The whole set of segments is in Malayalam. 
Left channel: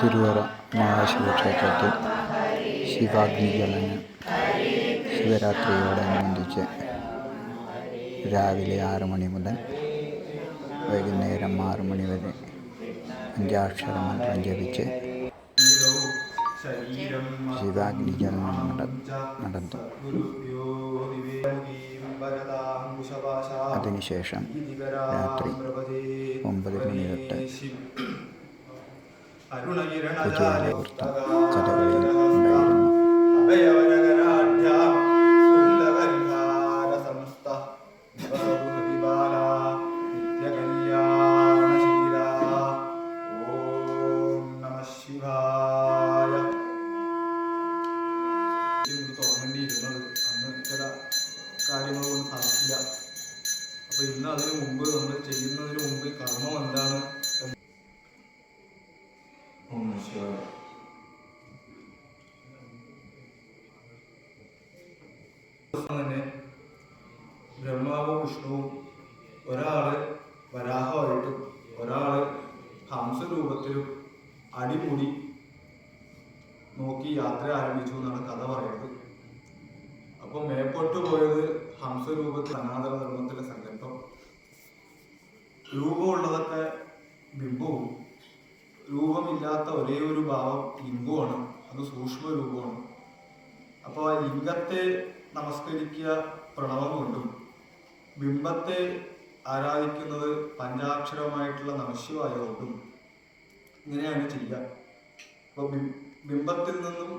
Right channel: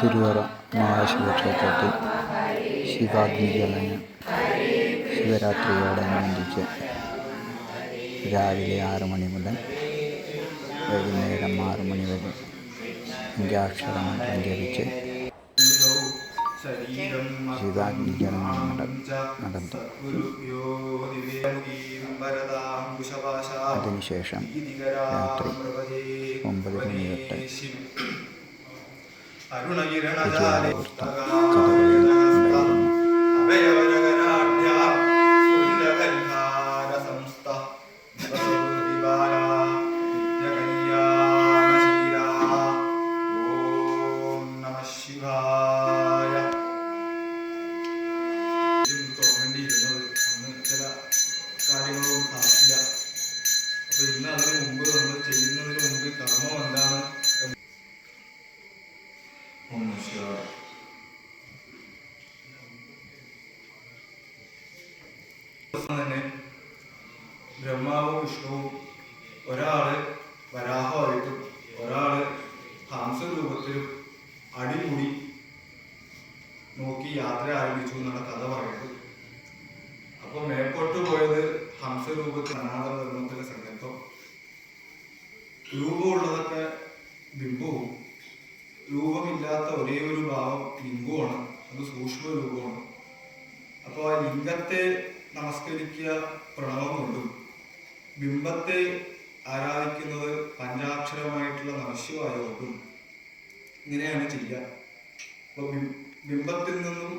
തിരുവറ മഹാശിവക്ഷേത്രത്തിൽ ശിവാഗ്നിജ്വലനം ശിവരാത്രിയോടനുബന്ധിച്ച് രാവിലെ 6 മണി മുതൽ വൈകുന്നേരം 6 മണി വരെ പഞ്ചാക്ഷര മന്ത്രം ജപിച്ച് ശിവാഗ്നിജ്വലനം നടത്തും. അതിനുശേഷം രാത്രി 9 മണി തൊട്ട് കുചേലവൃത്തം കഥകളിയും ഉണ്ടായിരുന്നു. കാര്യങ്ങളൊന്നും നടക്കില്ല. അപ്പൊ ഇന്ന് അതിന് മുമ്പ് നമ്മൾ ചെയ്യുന്നതിന് മുമ്പ് കർമ്മം എന്താണ് തന്നെ ബ്രഹ്മാവും വിഷ്ണുവും ഒരാള് വരാഹമായിട്ടും ഒരാള് ഹംസരൂപത്തിലും അടികൂടി നോക്കി യാത്ര ആരംഭിച്ചു എന്നാണ് കഥ പറയുന്നത്. അപ്പൊ മേപ്പോട്ട് പോയത് ഹംസരൂപത്തിൽ സനാതന ധർമ്മത്തിലെ സങ്കല്പം. രൂപമുള്ളതൊക്കെ ബിംബവും രൂപമില്ലാത്ത ഒരേ ഒരു ഭാവം ലിംഗമാണ്, അത് സൂക്ഷ്മ രൂപമാണ്. അപ്പോൾ ആ ലിംഗത്തെ നമസ്കരിക്കുക പ്രണവം കൊണ്ടും ബിംബത്തെ ആരാധിക്കുന്നത് പഞ്ചാക്ഷരമായിട്ടുള്ള നമശിവായ കൊണ്ടും ഇങ്ങനെയാണ് ചെയ്യുക. അപ്പോൾ ബിംബത്തിൽ നിന്നും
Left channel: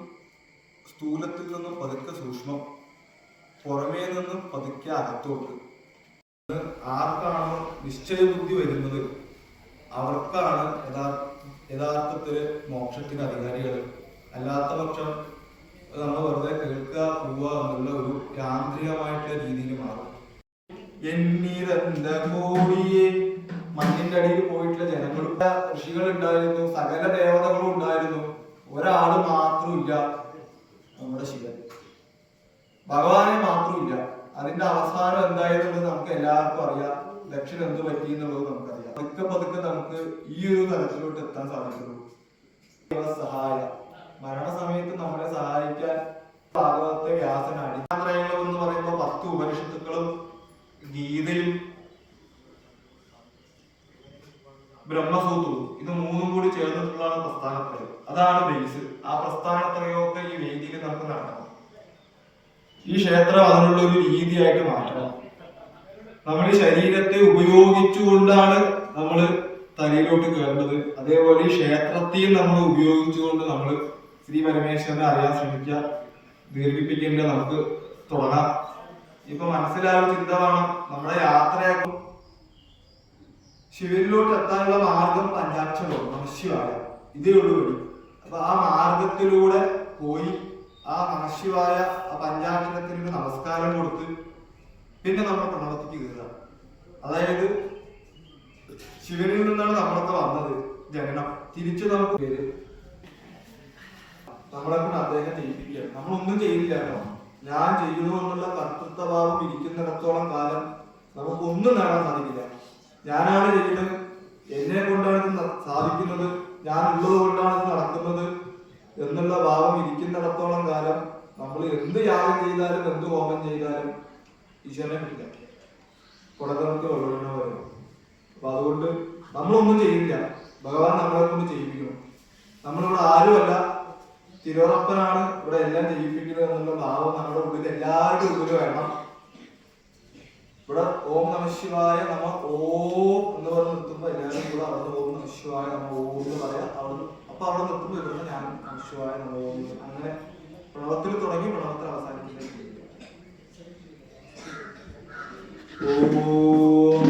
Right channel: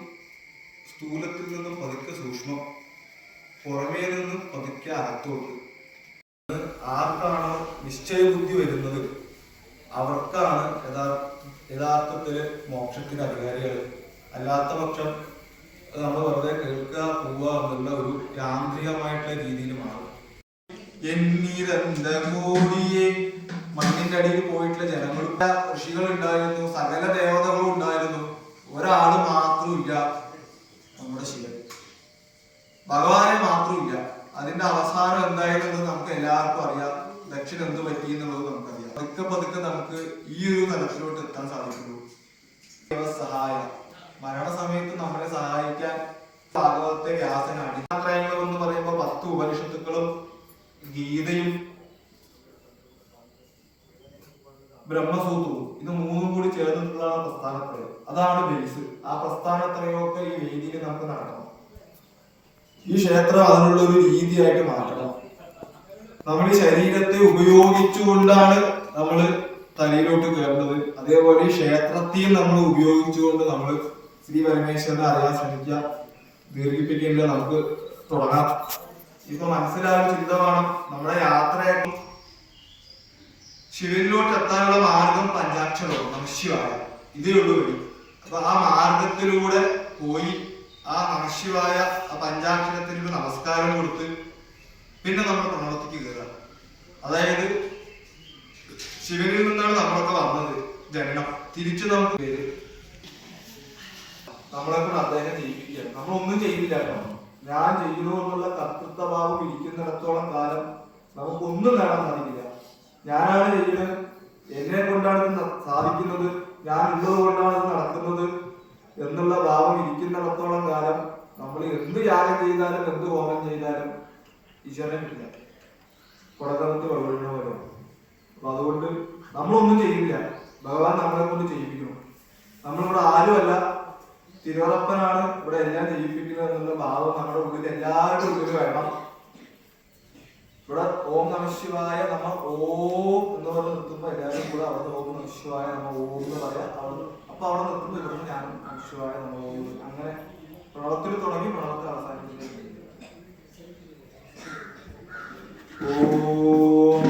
സ്ഥൂലത്തിൽ നിന്നും പതുക്കെ സൂക്ഷ്മം, പുറമേ നിന്നും പതുക്കെ അകത്തോട്ട്. ആർക്കാണോ നിശ്ചയബുദ്ധി വരുന്നത് അവർക്കാണ് യഥാർത്ഥത്തില് മോക്ഷത്തിന് അധികാരികൾ. അല്ലാത്ത പക്ഷം നമ്മൾ വെറുതെ കേൾക്കുക പോവുക എന്നുള്ള ഒരു യാന്ത്രികമായിട്ടുള്ള രീതിയിൽ മാറും. മണ്ണിന്റെ അടിയിൽ പോയിട്ടുള്ള ജനങ്ങളുടെ ഋഷികൾ ഉണ്ടായിരുന്നു, സകല ദേവതകളും ഉണ്ടായിരുന്നു, ഒരാള് മാത്രമില്ല, നമ്മുടെ ശിവൻ ഭഗവാനെ മാത്രമില്ല. അതിന്റെ അവസാനം എന്തായിരുന്നത് നമുക്ക് എല്ലാവർക്കും അറിയാം. ദക്ഷിണ എന്ത് പറ്റി എന്നുള്ളത് നമുക്കറിയാം. പതുക്കെ പതുക്കെ നമുക്ക് ഈ ഒരു തലത്തിലോട്ട് എത്താൻ സാധിക്കുള്ളൂ. സഹായം മരണസമയത്ത് നമ്മളെ സഹായിക്കാൻ ഭാഗവത്തെ വ്യാസനാണ്. യാത്രയങ്ങൾ എന്ന് പറയുമ്പോൾ 10 ഉപനിഷത്തുക്കളും ഗീതയും ബ്രഹ്മസൂത്രവും ഇത് 3 കൂടി ചേർന്നിട്ടുള്ളതാണ് പ്രസ്ഥാനത്രയം. അതാണ് ബേസ്. ആ പ്രസ്ഥാനത്രയൊക്കെ ഈ വേദിയിൽ നമുക്ക് നടക്കണം. ഈ ക്ഷേത്രം അതിനുള്ള ഒരു രീതിയായിട്ട് മാറ്റണം. നമ്മൾ ഈ ശരീരത്തെ ഉപയോഗിച്ചുകൊണ്ടാണ് നമ്മൾ തലയിലോട്ട് കയറുന്നത്. അതേപോലെ ഈ ക്ഷേത്രത്തെയും നമ്മൾ ഉപയോഗിച്ചുകൊണ്ട് നമ്മൾ ശ്രീ പരമേശ്വരനെ അറിയാൻ ശ്രമിക്കുക. ദീർഘിപ്പിക്കില്ല, നമുക്ക് തുടങ്ങാം. ഇപ്പൊ മനസ്സിലായ ചിന്തമാണ് നമ്മുടെ യാത്രയായിട്ടും ശിവനിലോട്ട് എത്താനുള്ള മാർഗം പഞ്ചാക്ഷരവും നമശിവായ ഇതേ ഉള്ളൂ വഴി. അപ്പൊ ആ മാർഗത്തിലൂടെ പോയി ആ നമശിവായ ആ പഞ്ചാക്ഷരത്തിന് നമസ്കാരം കൊടുത്ത് പിന്നെ നമ്മൾ പ്രണവത്തിക്ക് കയറുക. അതായത് ശിവനിൽ നിന്നാണ് നമ്മളൊക്കെ വന്നത്, ജനനം. തിരിച്ചു നമുക്ക് പേര് നമ്മളെ കൊണ്ട് അദ്ദേഹം ചെയ്യിപ്പിക്കുക. നമ്മളൊന്നും ചെയ്യില്ല കേട്ടോ. ഞാൻ ചെയ്യുന്നു എന്നുള്ള കർത്തൃത്വഭാവം ഇരിക്കുന്നിടത്തോളം കാലം നമുക്കൊന്നും നേടാൻ സാധിക്കില്ല. ഞാനാണ് ചെയ്യുന്നത്, എന്നെ കൊണ്ടാണ് ഇത് സാധിക്കുന്നത്, ഞാൻ ഉള്ളത് കൊണ്ടാണ് ഇത് നടക്കുന്നത് എന്നുള്ള ഭാവം ഇരിക്കുന്നിടത്തോളം കാലം നമ്മൾ എന്ത് യാഗം ചെയ്താലും എന്ത് ഹോമം ചെയ്താലും ഈശ്വരനെ കിട്ടില്ല. കുടക്കറത്ത് വെള്ളമൊഴിഞ്ഞ പോലെ. അപ്പൊ അതുകൊണ്ട് നമ്മളൊന്നും ചെയ്യില്ല, ഭഗവാൻ നമ്മളെ കൊണ്ട് ചെയ്യിപ്പിക്കണം. നമ്മളിവിടെ ആരുമല്ല, തിരുവറപ്പനാണ് ഇവിടെ എല്ലാം ചെയ്യിപ്പിക്കുന്നത് എന്നുള്ള ഭാവം നമ്മുടെ ഉള്ളിൽ എല്ലാവരുടെ ഉള്ളിൽ വേണം. ഇവിടെ ഓം നമശിവായ നമ ഓം എന്ന് പറഞ്ഞ് നിർത്തുമ്പോൾ എല്ലാവരും കൂടെ അവിടെ ഓം നമശിവായ നമ ഓം എന്ന് പറയാം. അപ്പൊ അവിടെ നിർത്തുമ്പോൾ ഇവിടെ ഞാൻ നമശിവായ നമ ഓം. അങ്ങനെ പ്രണവത്തിൽ തുടങ്ങി പ്രണവത്തിൽ അവസാനിപ്പിക്കുന്നത്. ഓം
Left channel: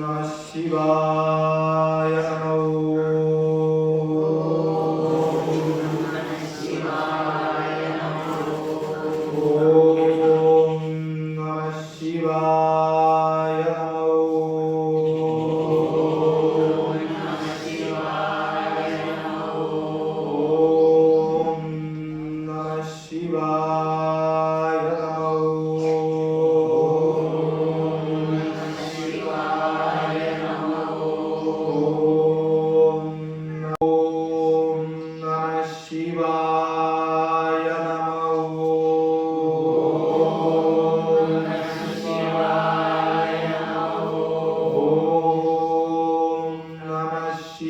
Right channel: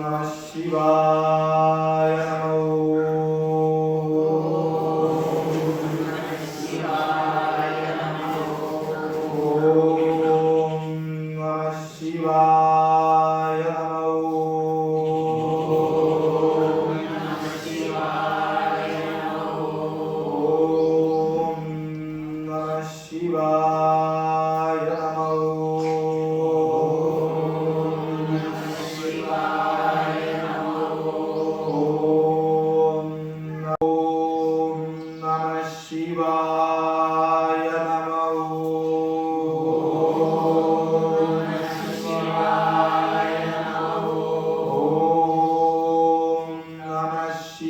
നമശിവായ നമ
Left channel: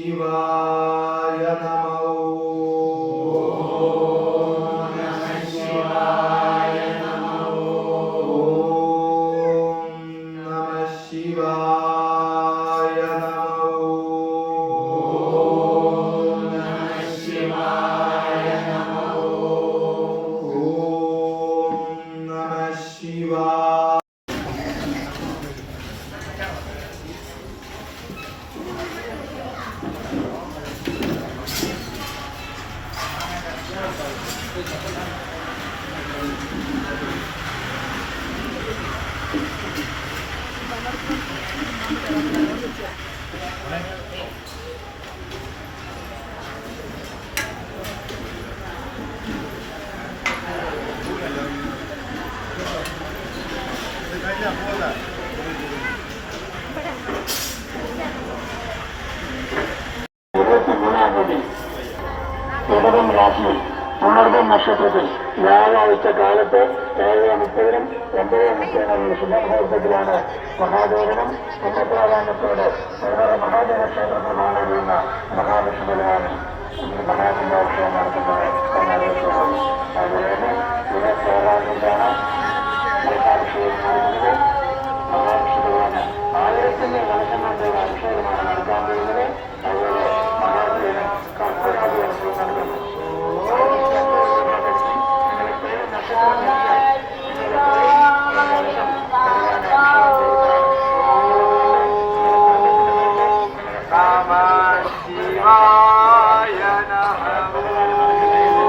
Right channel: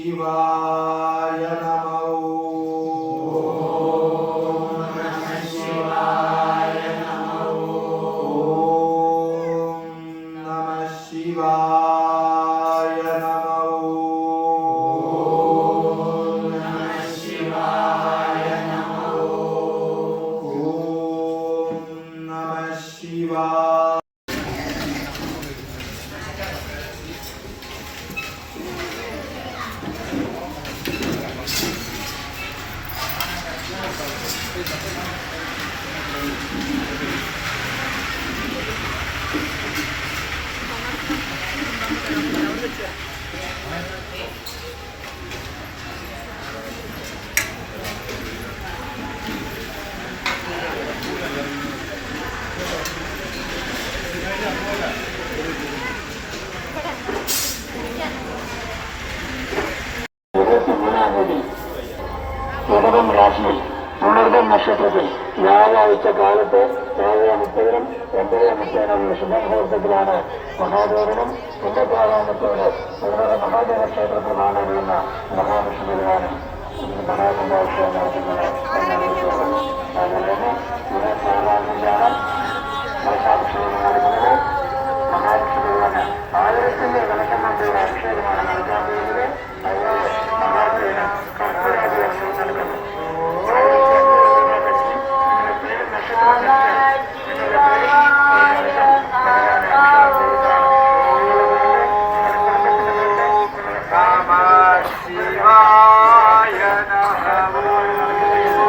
ശിവായ നമഃ. ഇടവം രാശിയിൽ പുണർദം നക്ഷത്രത്തിൽ വ്യാഴാഴ്ച കാലത്ത് 7:30-നും 9:30-നും ശുഭമുഹൂർത്തത്തിലാണ് മഹാദേവനും പുണ്യപ്രാധാന്യത്തോടെ ഇവിടെ മഹാദേവ ക്ഷേത്രത്തിൽ കാണുന്ന മഹാവിഷ്ണുവിനാണ് മഹാകുംഭോത്സവം നടത്തുന്നത് എന്നറിയിക്കുന്നത്. അതുപോലെ തന്നെ 26-ാം മഹാവിഷ്ണുവിന് നടക്കുന്നത്. മഹാവിഷ്ണുവിനാണ് 1000 വെളിച്ചങ്ങളുടെ അഭിഷേകമാണ് നടക്കാൻ പോകുന്നത്. അതുപോലെ മഹാദേവന് കർപ്പൂരാദികൾ നൽകുന്നു. നിങ്ങളുടെ പേര് നക്ഷത്രം വെച്ചാൽ നിങ്ങളുടെ പേര് ഭഗവാനെ അഭിഷേകം ചെയ്യുന്നതാണ്. നിങ്ങളുടെ പേരില് നിങ്ങളുടെ കുടുംബത്തിന്റെ പേരില്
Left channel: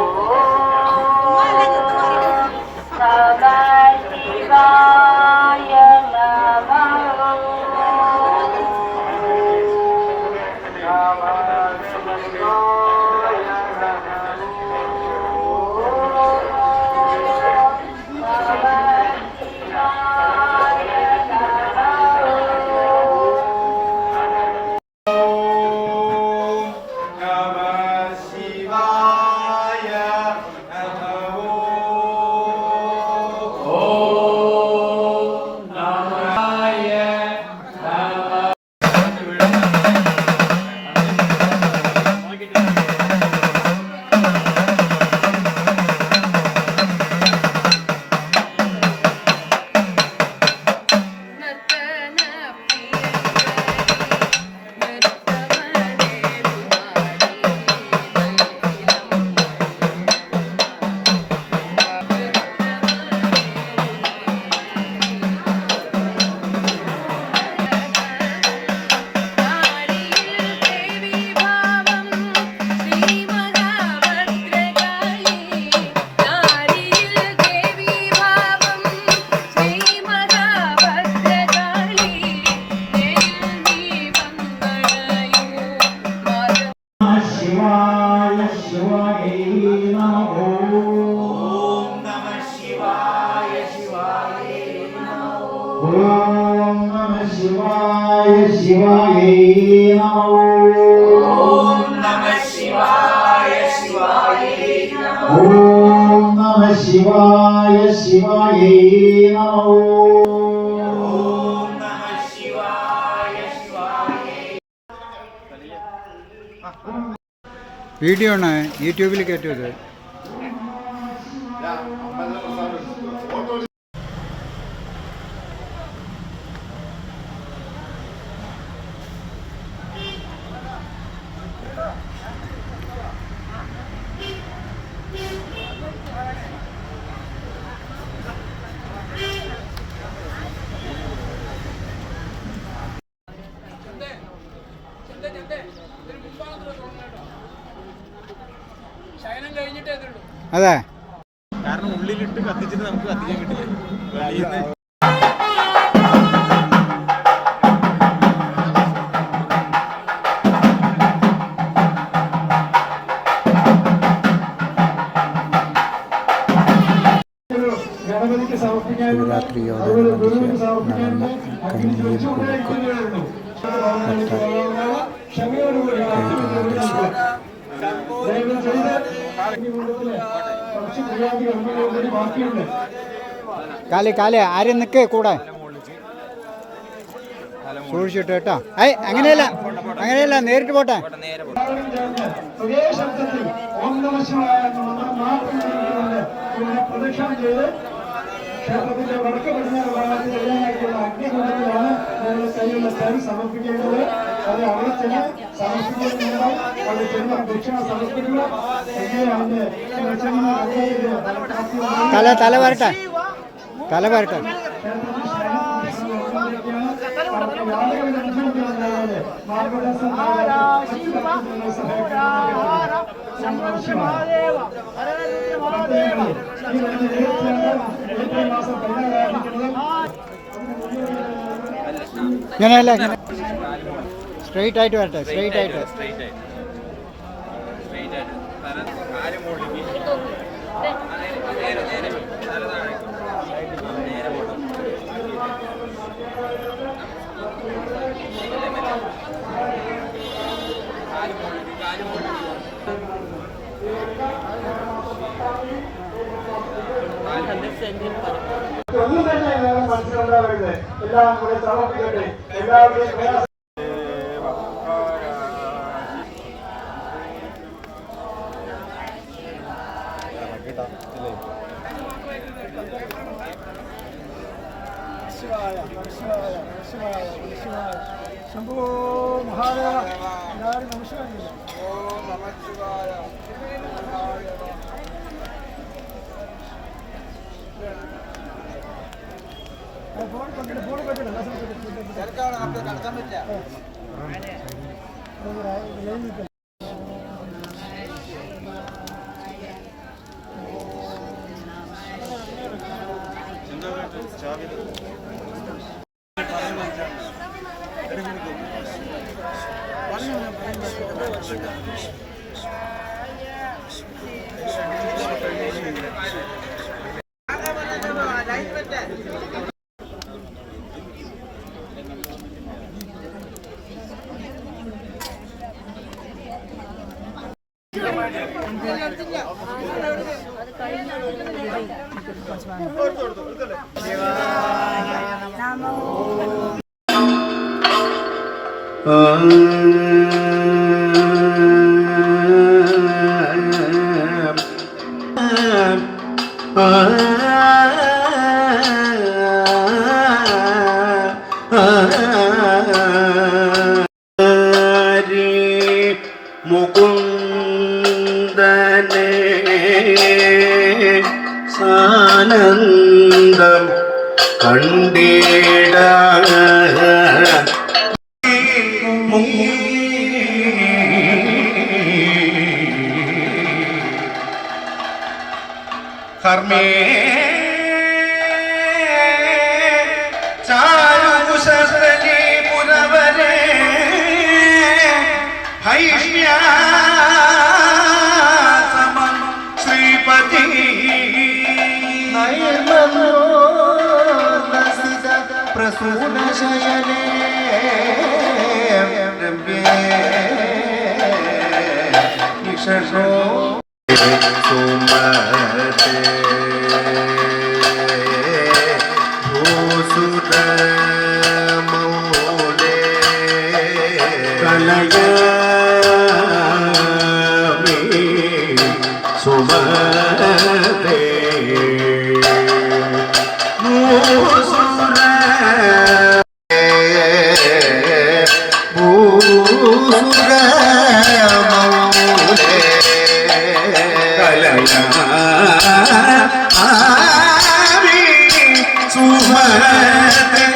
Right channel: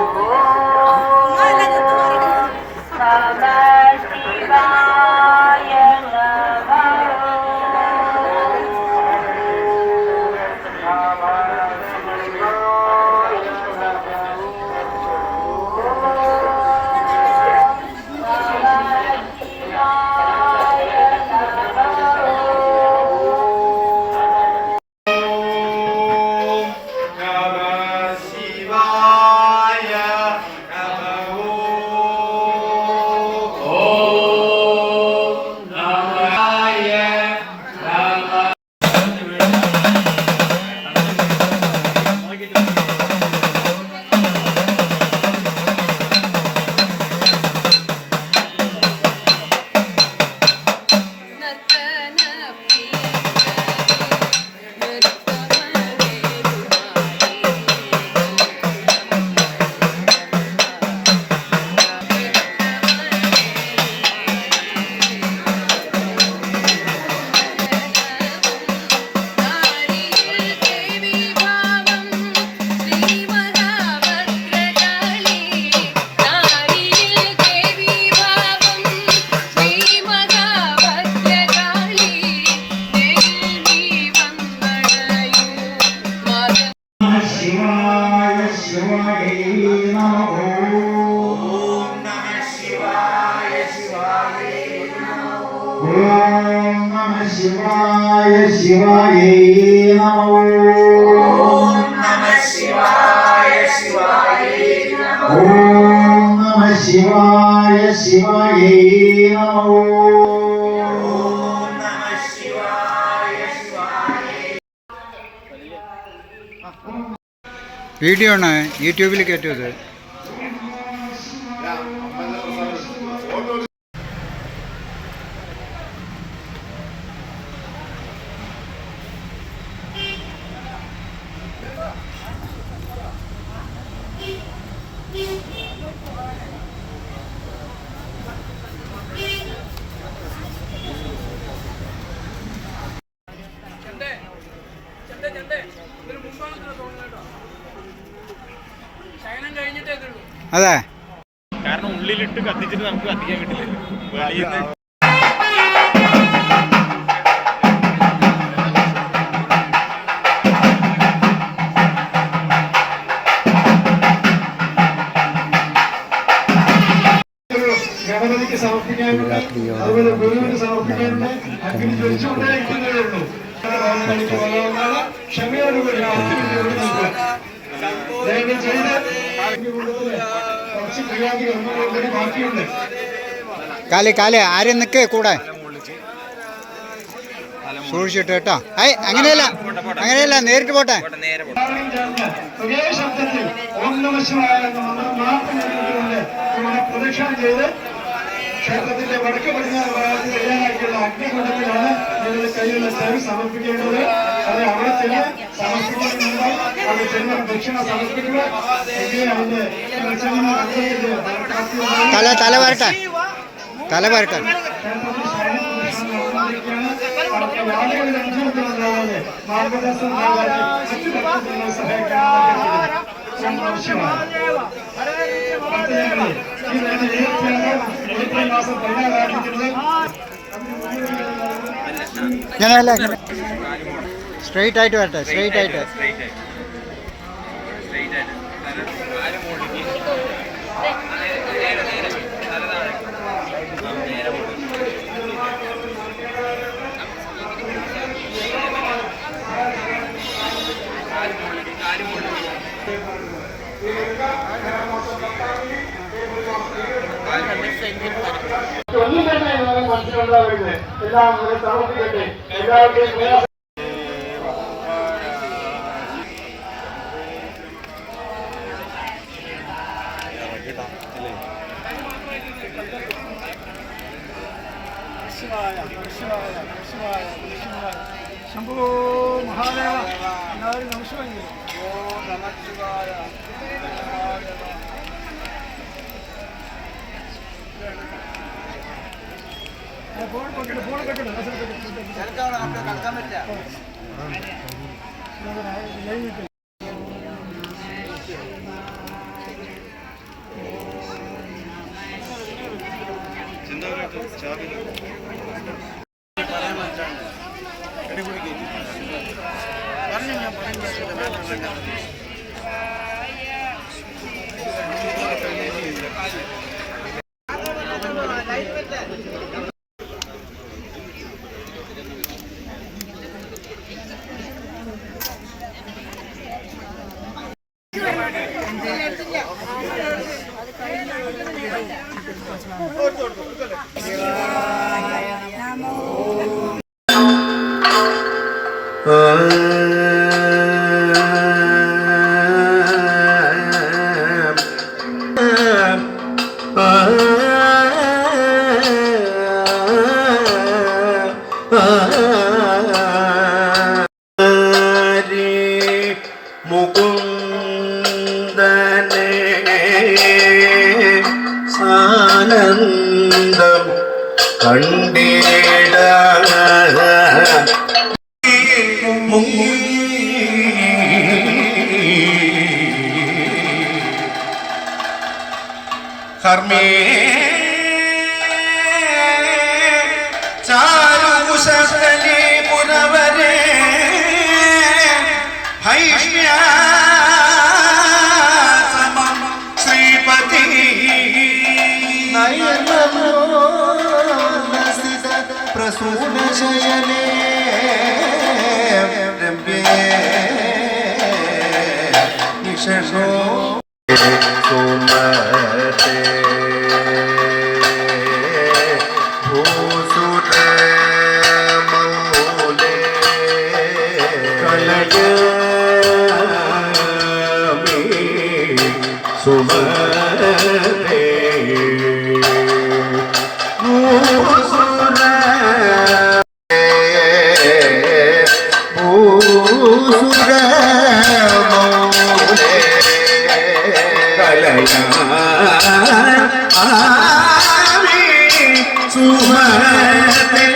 വീഡിയോ ആണ് യൂട്യൂബിൽ കയറ്റിയത്. അതെ, കാരണം ഉള്ളിലിട്ട് കത്തിച്ചിട്ട് നമുക്ക് കത്തിക്കാൻ കിട്ടില്ല. ശിവരാത്രിയോടനുബന്ധിച്ച് നടന്ന കഞ്ഞിയിൽ കൊടുക്കും കാലേ ആരും നിൽക്കേ കൂടെ. സൂക്ഷിച്ചിട്ട് കേട്ടോ. അങ്ങനെയല്ല അങ്ങനെയല്ല, നേരിട്ട് പോട്ടെ. ക്ഷേത്രത്തിന്റെ വടക്ക് പടിഞ്ഞാറ് ഭാഗത്ത് തയ്യാറാക്കിയുള്ള അഗ്നികുണ്ടത്തിലാണ് നിങ്ങൾ കയ്യിലുള്ള ചാവി സമർപ്പിക്കേണ്ടത്. അത് അവിടെ ചെന്ന് സമർപ്പിക്കുന്നുണ്ട്. അവിടെ ചെന്ന് ദക്ഷിണ സമർപ്പിക്കുക. അതിന്റെ തല വരട്ടെ, തല വരട്ടെ. മാർഗദർശനം മറ്റു ഭക്തജനങ്ങളെ സഹായിക്കാൻ ആവശ്യമാണ്. ഏപ്രിൽ മാസം 16 ഞാനല്ല, സ്ട്രെയിറ്റ് ആയിട്ട് വരട്ടെ, സ്ട്രെയിറ്റ് ആയിട്ട്. ഒന്നും തന്നെ മനസ്സിലുണ്ടാവരുത്. എല്ലാം ഇവിടെ സമർപ്പിക്കട്ടെ. എല്ലാവരുടെയും ശംഭോ മഹാദേവ എല്ലാവരും നമസ്കാരം. മുകുന്ദനെ സാനന്ദം കണ്ടിട കർമ്മേ ചാരുകുശലി പുരവരേ ഹൈഷ്മ്യാസമം ശ്രീപതി നയനമോല്ലസിത പ്രസൂനശയനേ രമ്യേ നിശോ സുമതേ ഭൂസുരമൗലേ കലയാമി സുമതേ ഭൂസുരമൗലേ കലയാമി സുമതേ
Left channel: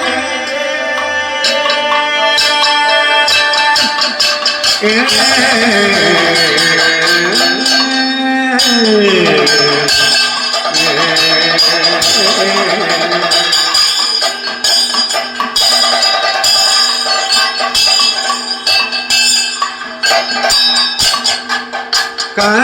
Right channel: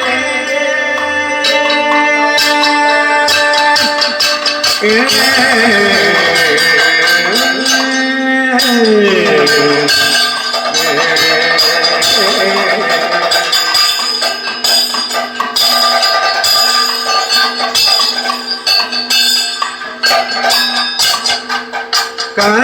കാന